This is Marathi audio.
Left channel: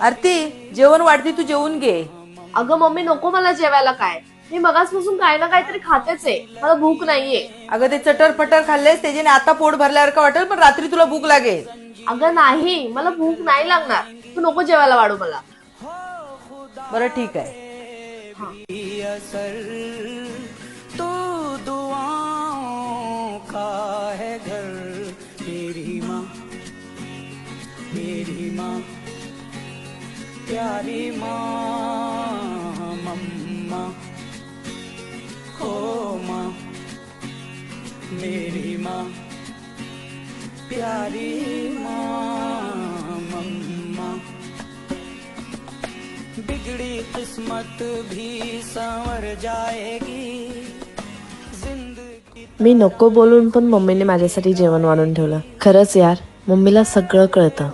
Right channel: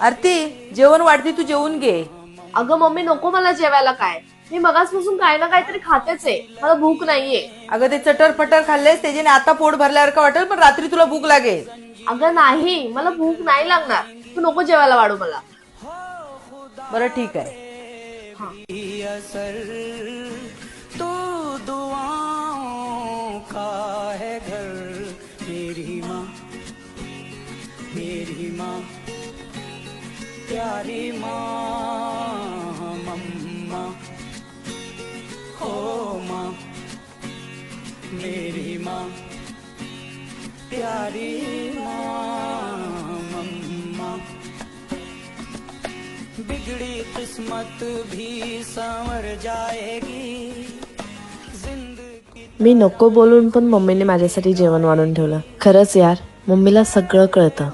आरती जेवण वाढते, तू जेवून घे. अगं मम्मी नको मला जेवायला काय, मी मगाचपासून काय ना काहीतरी खातेच आहे, मला भूक नाहीये. अगं ते चटर पटर खाल्लेस त्याच्याने आता पोट भरल्यावर का वाटेल, पण रात्री तुला भूक लागेल. अगं नाही, मला भूक नाही लागणार, तू नको जेवायला वाढू मला. बरं ठीक आहे. हा. तो दुआओं का है घर, मेरी माँ, मेरी माँ, प्यारी माँ, मम्मा, हो माँ, मेरी माँ, प्यारी माँ, मम्मा, बिगड़ी किस्मत भी संवर जाएगी. मी नको बोलून पण मम्मीने माझ्यासाठी जेवण वाढून ठेवलं. खरंच यार, मम्मीला सगळं कळतं.